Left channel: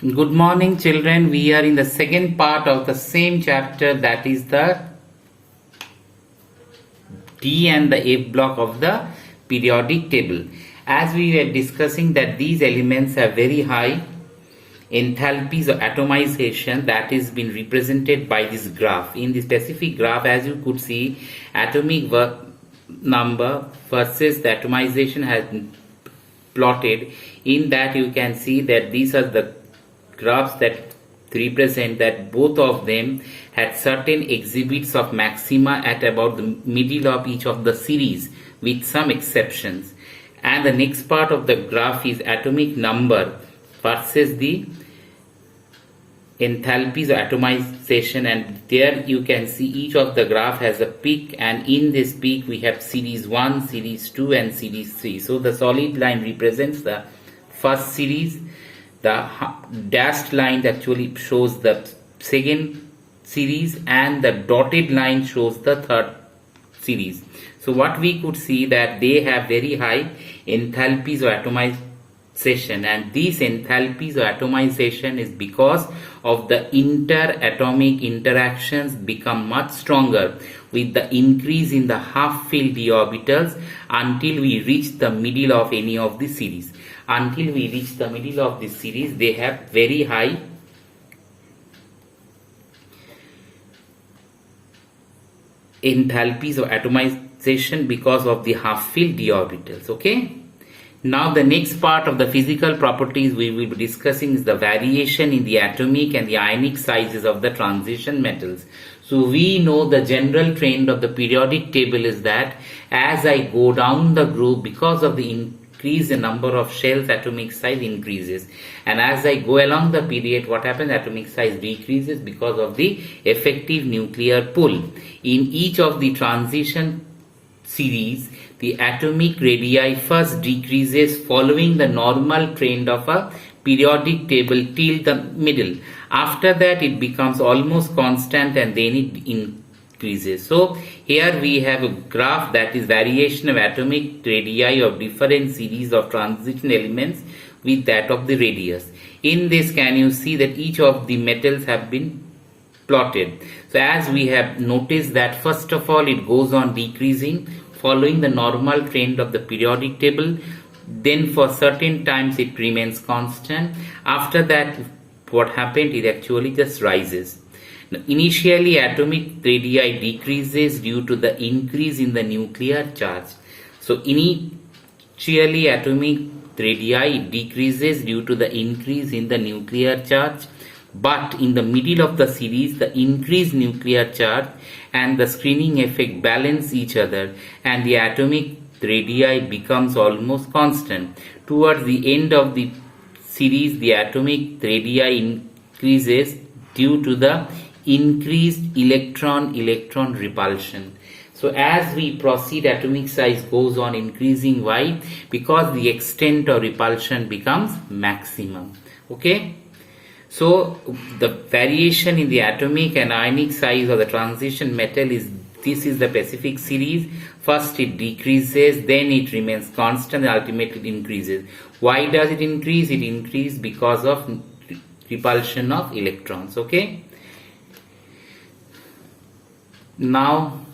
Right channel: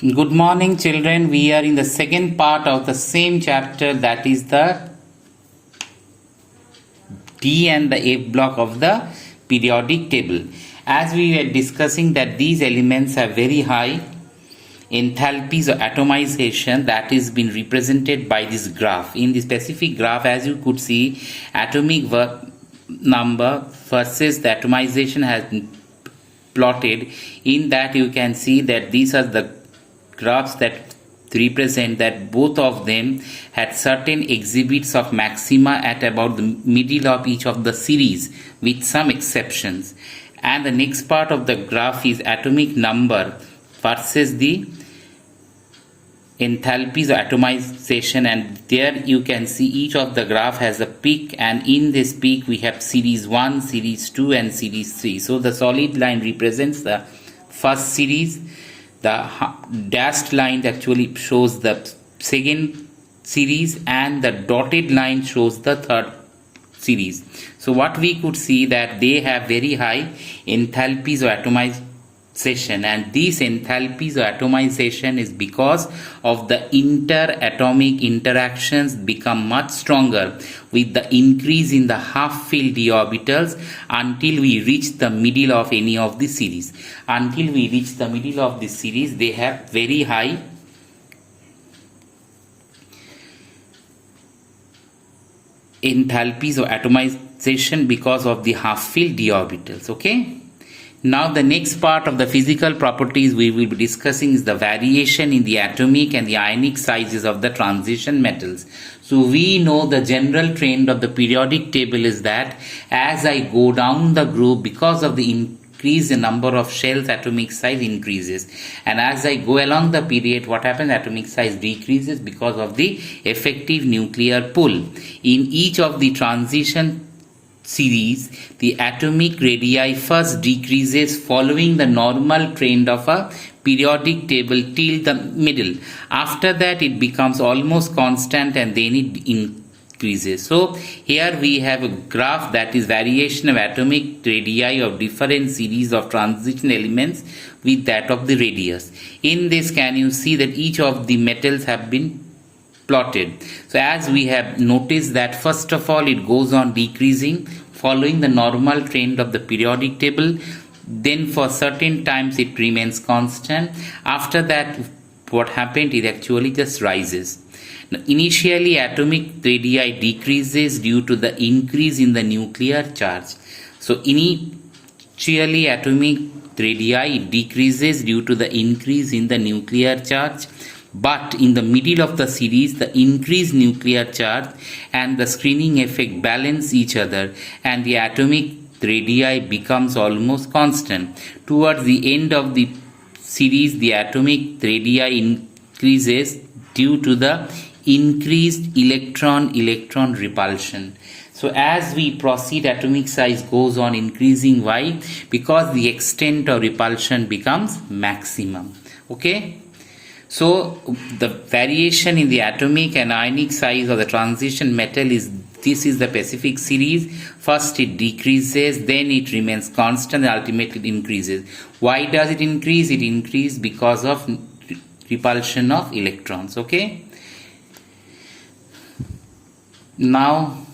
Good morning, children. We are in the second part of the same chapter, that is the D and the F block of the periodic table. As we were discussing that these elements have very high enthalpies or atomization, that is been represented by this graph. In the specific graph, as you could see, atomic work number versus the atomization has been plotted. In that you can see that these are the graphs that represent that both of them had certain exhibits of maxima at about the middle of each of the series with some exceptions. And the next part of the graph is atomic number versus the enthalpies or atomization, and there you can see each of the graph has a peak, and in this peak we have series 1, series 2 and series 3. So the solid line represents the first series, the dashed line actually shows the second series, and the dotted line shows the third series. So what we could see that they have very high enthalpies or atomization, and these enthalpies or atomization is because of the interatomic interactions become much stronger with the increase in the half-filled d orbitals until we reach the middle of any of the series. Until we reach the middle of the series, they have very high enthalpies or atomization because of the half-filled d orbitals. Okay. Now the next part of the physical properties we will be discussing is the variation in the atomic and the ionic sizes of the transition metals. So we know the general trend of the periodic table is that as I go down the group, because of the increase in number of shells, atomic size increases, and as I go along the period, what happens? Atomic size decreases because of the effective nuclear pull. In each of the transition series, the atomic radii first decreases following the normal trend of a periodic table till the middle. After that it becomes almost constant and then it increases. So here we have a graph that is variation of atomic radii of different series of transition elements with that of the radius. In this, can you see that each of the metals have been plotted. So as we have noticed that first of all it goes on decreasing following the normal trend of the periodic table, then for certain times it remains constant. After that what happened, it actually just rises. Now, initially atomic radii decreases due to the increase in the nuclear charge. So initially atomic radii decreases due to the increase in the nuclear charge, but in the middle of the series the increased nuclear charge and the screening effect balance each other, and the atomic radii becomes almost constant. Towards the end of the series the atomic radii increases due to the increased electron repulsion. So as we proceed, atomic size goes on increasing. Why? Because the extent of repulsion becomes maximum. Okay. So the variation in the atomic and ionic size of the transition metal is, this is the specific series. First it decreases, then it remains constant, and ultimately it increases. Why does it increase? It increases because of repulsion of electrons. Okay. Now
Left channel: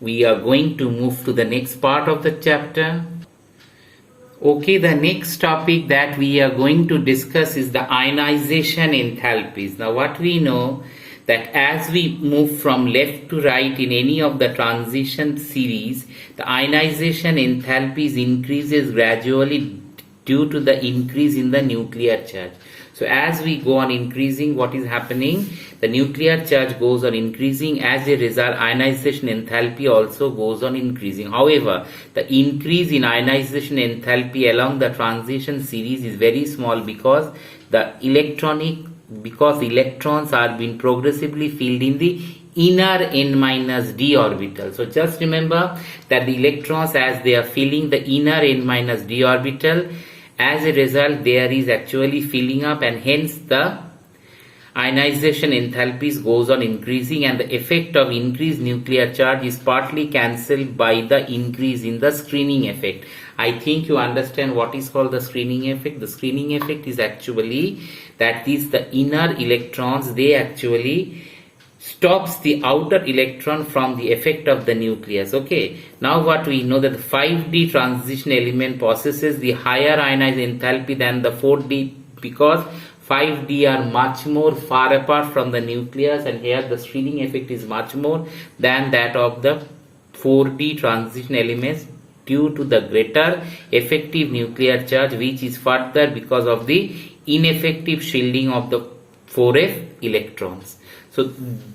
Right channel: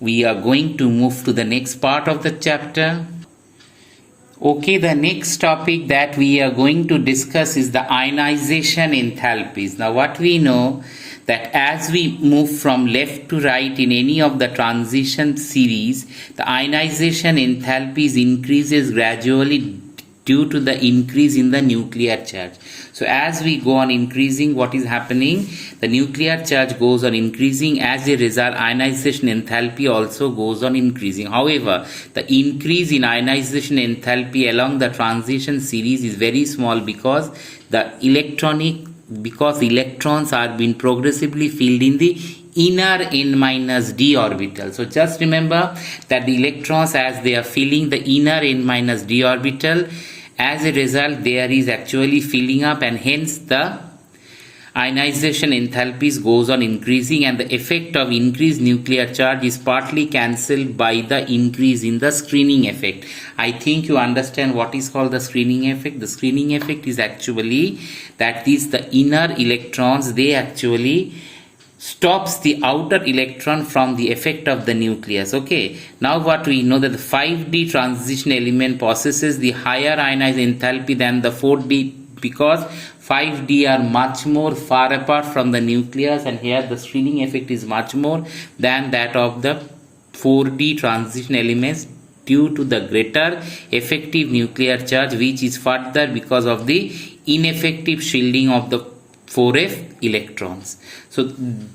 we are going to move to the next part of the chapter. Okay, the next topic that we are going to discuss is the ionization enthalpies. Now what we know that as we move from left to right in any of the transition series, the ionization enthalpies increases gradually due to the increase in the nuclear charge. So as we go on increasing, what is happening? The nuclear charge goes on increasing. As a result, ionization enthalpy also goes on increasing. However, the increase in ionization enthalpy along the transition series is very small because electrons are being progressively filled in the inner n minus d orbital. So just remember that the electrons, as they are filling the inner n minus d orbital, as a result there is actually filling up, and hence the ionization enthalpies goes on increasing, and the effect of increased nuclear charge is partly cancelled by the increase in the screening effect. I think you understand what is called the screening effect. The screening effect is actually that is the inner electrons, they actually stops the outer electron from the effect of the nucleus. Okay, now what we know that the 5D transition element possesses the higher ionized enthalpy than the 4D, because 5D are much more far apart from the nucleus, and here the screening effect is much more than that of the 4D transition elements due to the greater effective nuclear charge, which is further because of the ineffective shielding of the 4f electrons. So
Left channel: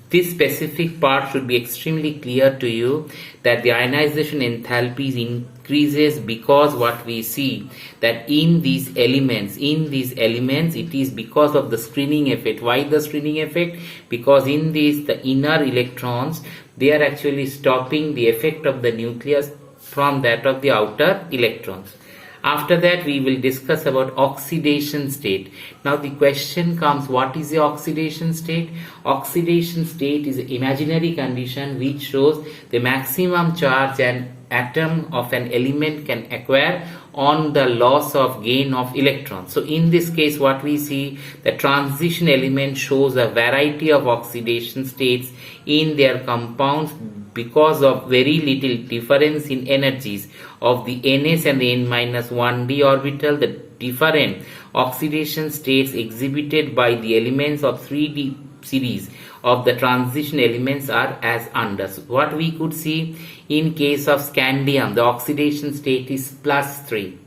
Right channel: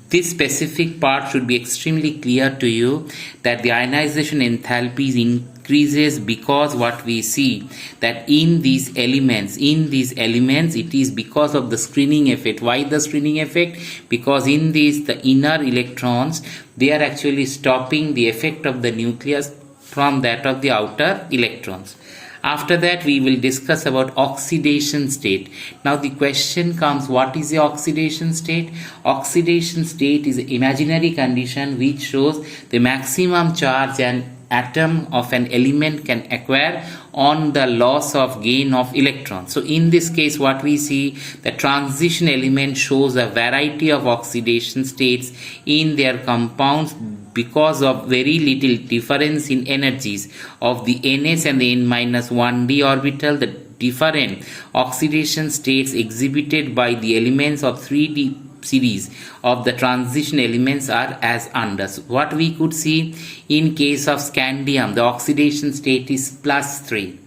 this specific part should be extremely clear to you, that the ionization enthalpies increases because what we see that in these elements it is because of the screening effect. Why the screening effect? Because in these the inner electrons, they are actually stopping the effect of the nucleus from that of the outer electrons. After that, we will discuss about oxidation state. Now the question comes, what is the oxidation state? Oxidation state is an imaginary condition which shows the maximum charge an atom of an element can acquire on the loss of gain of electrons. So in this case, what we see, the transition element shows a variety of oxidation states in their compounds because of very little difference in energies of the ns and the n-1d orbital. The different oxidation states exhibited by the elements of 3D series of the transition elements are as under. So what we could see, in case of scandium, the oxidation state is +3.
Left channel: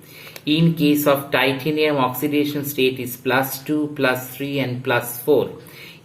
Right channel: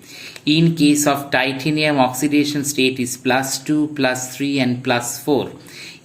In case of titanium, oxidation state is +2, +3 and +4.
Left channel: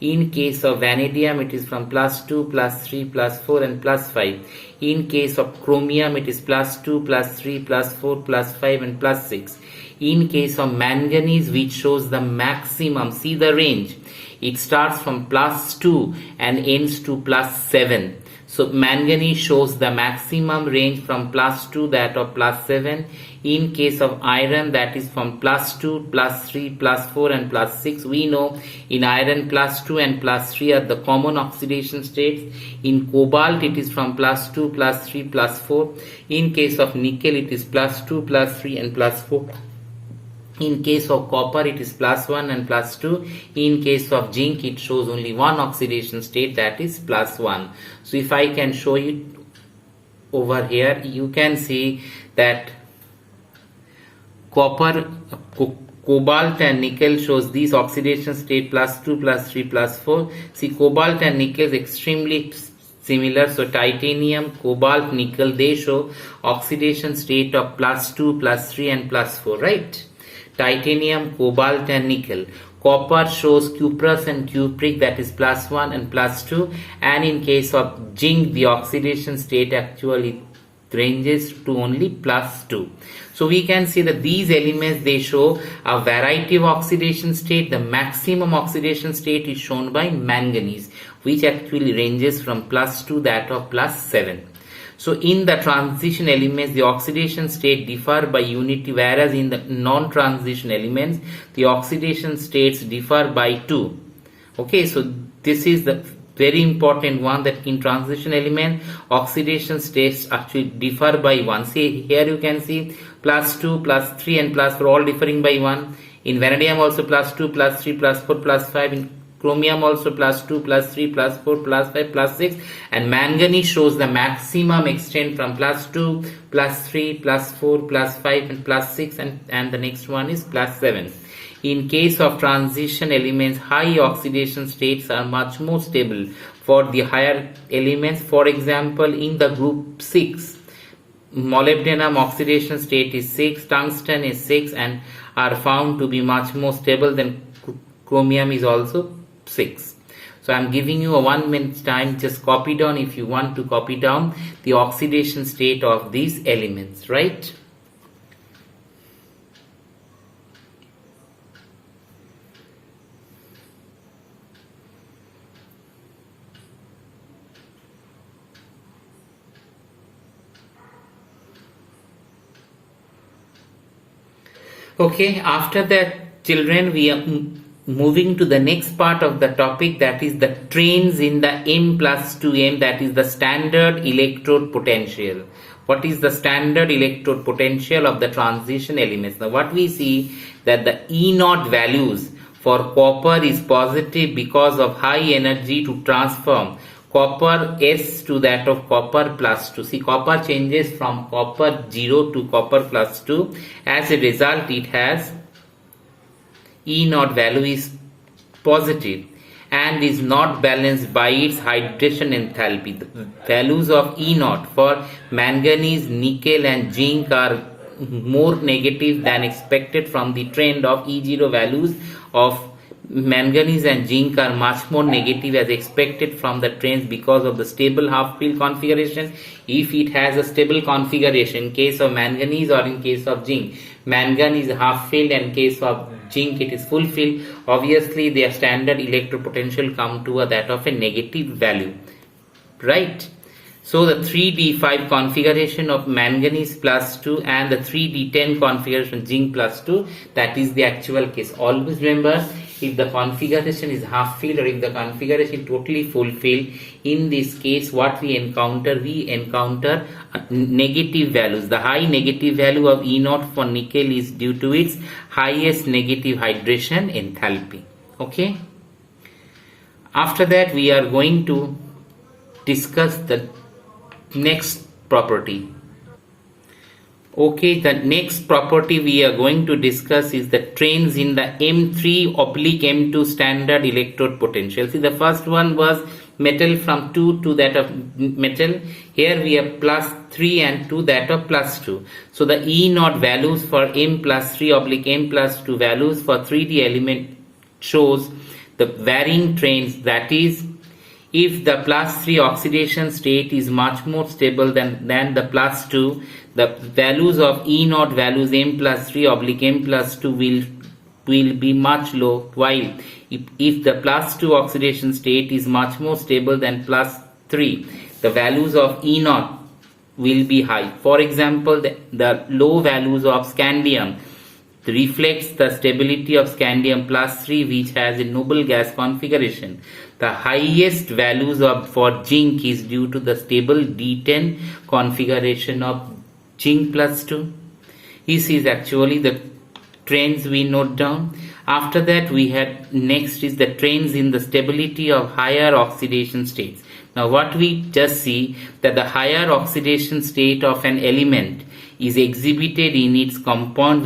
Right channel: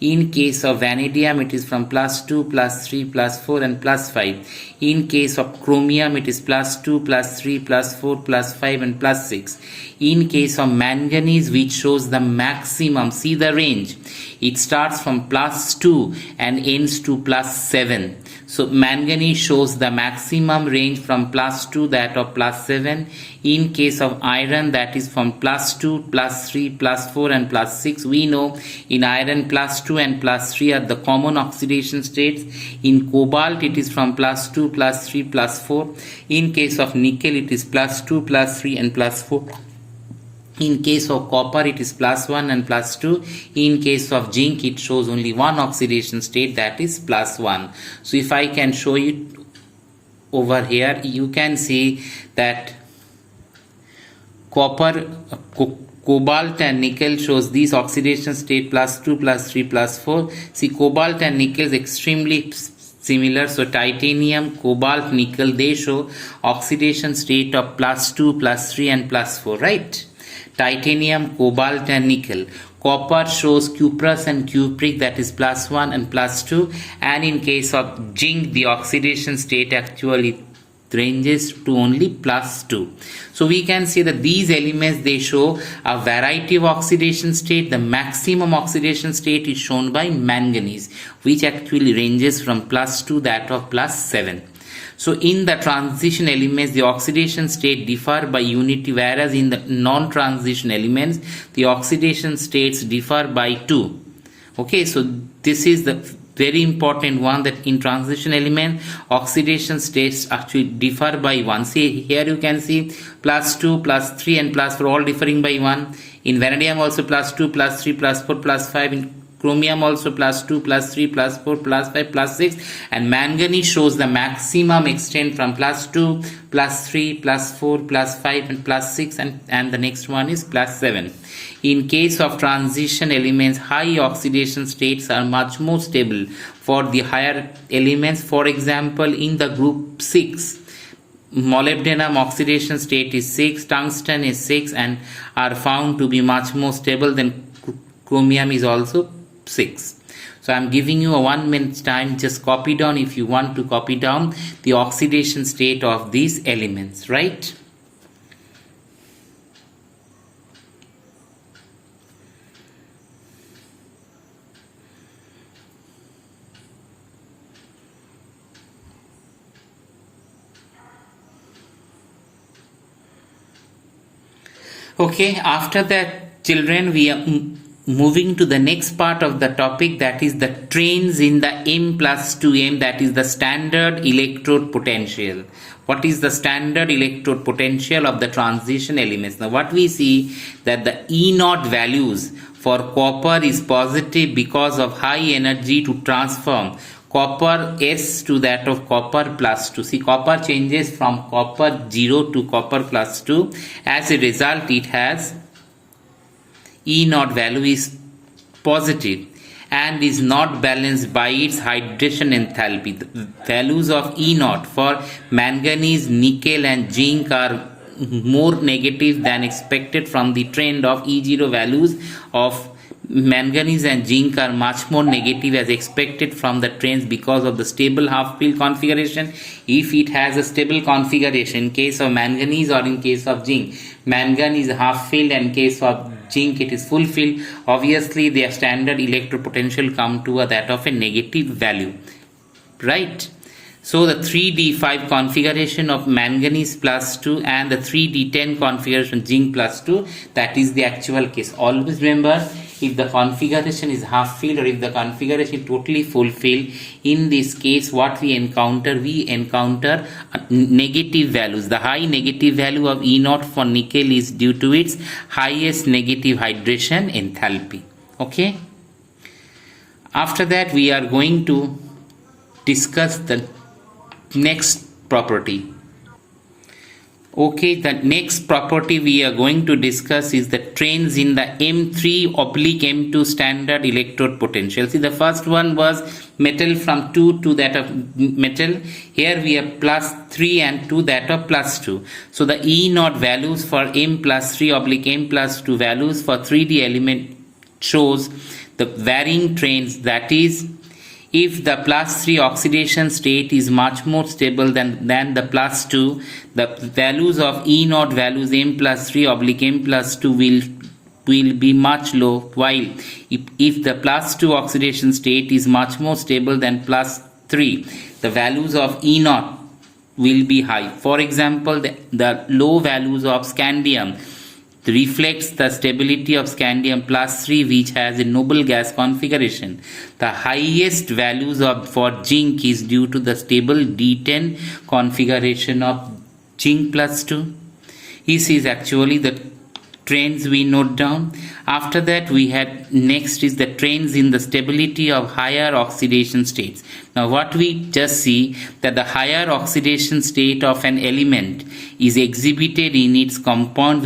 In case of vanadium, it is from +2, +3, +4 and +5. In case of chromium, it is +2, +3, +4, +5 and +6. In case of manganese, which shows the maximum, see the range, it starts from +2 and ends to +7. So manganese shows the maximum range from +2, that of +7. In case of iron, that is from +2, +3, +4 and +6. We know in iron +2 and +3 are the common oxidation states. In cobalt, it is from +2, +3, +4. In case of nickel, it is +2, +3 and +4. In case of copper, it is +1 and +2. In case of zinc, it shows only one oxidation state, that is +1. So if I can show you over here, you can see that copper, cobalt and nickel shows these oxidation state +2, +3, +4. See, cobalt and nickel is extremely similar. So titanium, cobalt, nickel, they show oxidation state of +2, +3 and +4, right? Titanium, cobalt and nickel. Copper shows cuprous and cupric, that is +1 and +2. And in case of zinc, the oxidation state actually ranges to only +2. So we can see that these elements, they show a variety of oxidation state. The maximum oxidation state is shown by manganese, which actually ranges from +2 that of +7. So in the transition elements, the oxidation state differ by unity, whereas in the non-transition elements, the oxidation states differ by 2. Okay, so this is the very important one, that in transition element, oxidation states actually differ by 1. See, here you can see +2, +3 and +4 all differing by 1. In vanadium also +2, +3, +4, +5. In chromium also +2, +3, +4, +5, +6, and manganese shows the maximum extent from +2, +3, +4, +5 and +6, and the next one is +7. In case of transition elements, high oxidation states are much more stable for the higher elements. For example, in the group 6, molybdenum oxidation state is 6, tungsten is 6 and are found to be much more stable than chromium is also 6. So I am giving you a 1 minute time. Just copy down, if you want to copy down, the oxidation state of these elements, right? Okay, after that, children, moving to the next part of the topic, that is the trains in the M+2M, that is the standard electrode potential. What is the standard electrode potential of the transition elements? Now what we see that the E0 values for copper is positive because of high energy to transform copper S to that of copper +2. See, copper changes from copper 0 to copper +2. As a result, it has E0 value is positive and is not balanced by its hydration enthalpy. The values of E0 for manganese, nickel and zinc are more negative than expected from the trend of E0 values of manganese and zinc are much more negative as expected from the trends because of the stable half field configuration. If it has a stable configuration in case of manganese or in case of zinc, manganese is half filled and in case of zinc it is full filled, obviously their standard electrode potential come to that of a negative value, right? So the 3d5 configuration of manganese +2 and the 3d10 configuration zinc +2, that is the actual case. Always remember, if the configuration is half filled or if the configuration is totally fulfilled, in this case what we encounter negative values. The high negative value of E0 for nickel is due to its highest negative hydration enthalpy. Okay, after that we are going to discuss the next property. Okay, the next property we are going to discuss is the trains in the M3/M2 standard electrode potential. See, the first one was metal from 2 to that of metal. Here we have +3 and 2 that of +2. So the E0 values for M+3/M+2 values for 3D element shows the varying trains, that is, if the +3 oxidation state is much more stable than the +2, the values of E0 values M+3/M+2 will be much low, while if the +2 oxidation state is much more stable than +3, the values of E0 will be high. For example, the low values of scandium reflects the stability of scandium +3, which has a noble gas configuration. The highest values for zinc is due to the stable D10 configuration of zinc +2. This is actually the trends we note down. After that we had next is the trends in the stability of higher oxidation states. Now what we just see that the higher oxidation state of an element is exhibited in its compound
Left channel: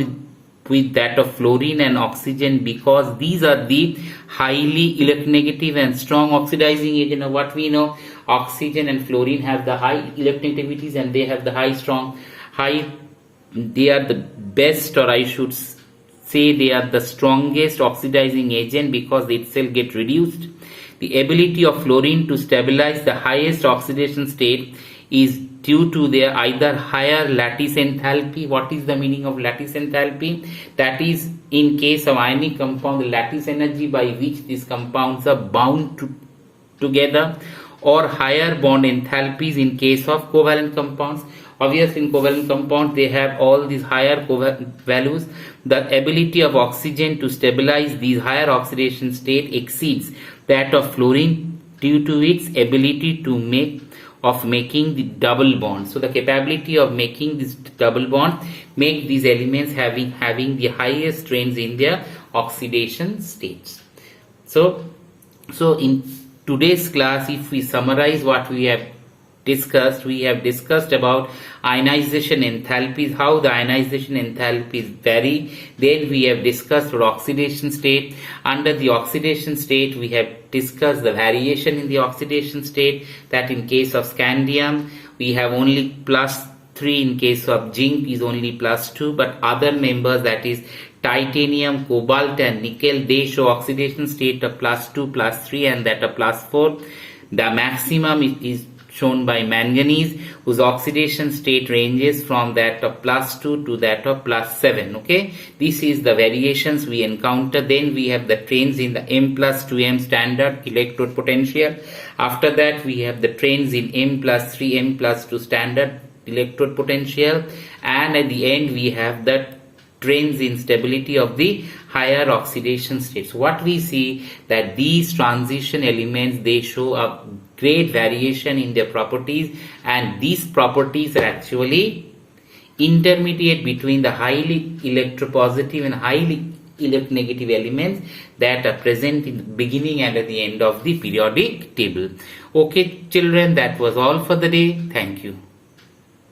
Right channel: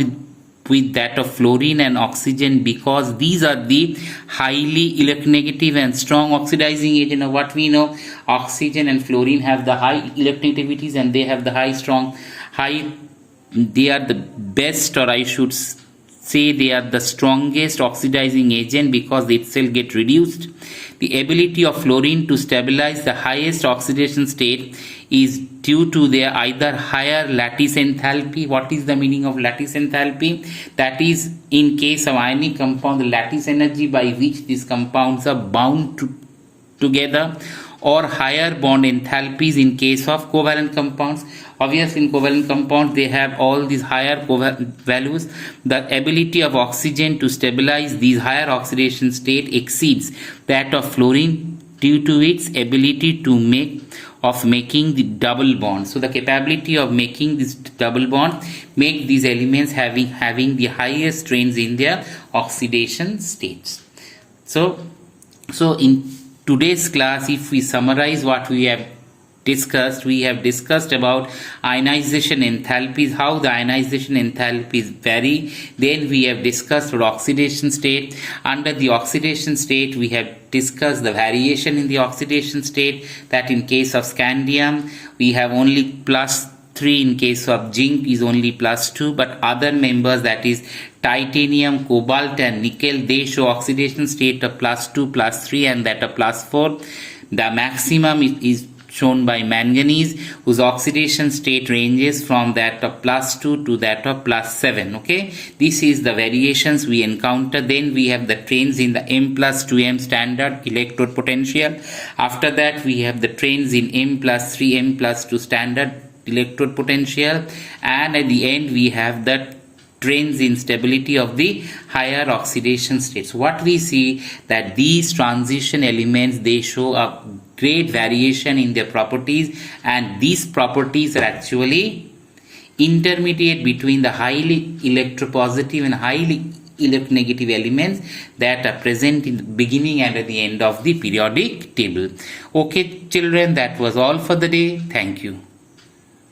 with that of fluorine and oxygen, because these are the highly electronegative and strong oxidizing agent. Now what we know, oxygen and fluorine have the high electronegativities and they have the they are the best, or I should say they are the strongest oxidizing agent because they itself get reduced. The ability of fluorine to stabilize the highest oxidation state is due to their either higher lattice enthalpy. What is the meaning of lattice enthalpy? That is, in case of ionic compound, the lattice energy by which these compounds are bound together, or higher bond enthalpies in case of covalent compounds. Obviously in covalent compounds they have all these higher values. The ability of oxygen to stabilize these higher oxidation state exceeds that of fluorine due to its ability to making the double bond. So the capability of making this double bond make these elements having the highest strains in their oxidation states. So in today's class, if we summarize what we have discussed about ionization enthalpies, how the ionization enthalpies vary. Then we have discussed oxidation state. Under the oxidation state, we have discussed the variation in the oxidation state, that in case of scandium we have only +3, in case of zinc is only +2, but other members, that is titanium, cobalt and nickel, they show oxidation state of +2, +3 and that of +4. The maximum is shown by manganese, whose oxidation state ranges from that of +2 to that of +7. Okay, this is the variations we encounter. Then we have the trains in the M+2M standard electrode potential. After that we have the trains in M+3 M+2 standard electrode potential, and at the end we have the trends in stability of the higher oxidation states. What we see that these transition elements, they show a great variation in their properties, and these properties are actually intermediate between the highly electropositive and highly electronegative elements that are present in the beginning and at the end of the periodic table. Okay children, that was all for the day. Thank you.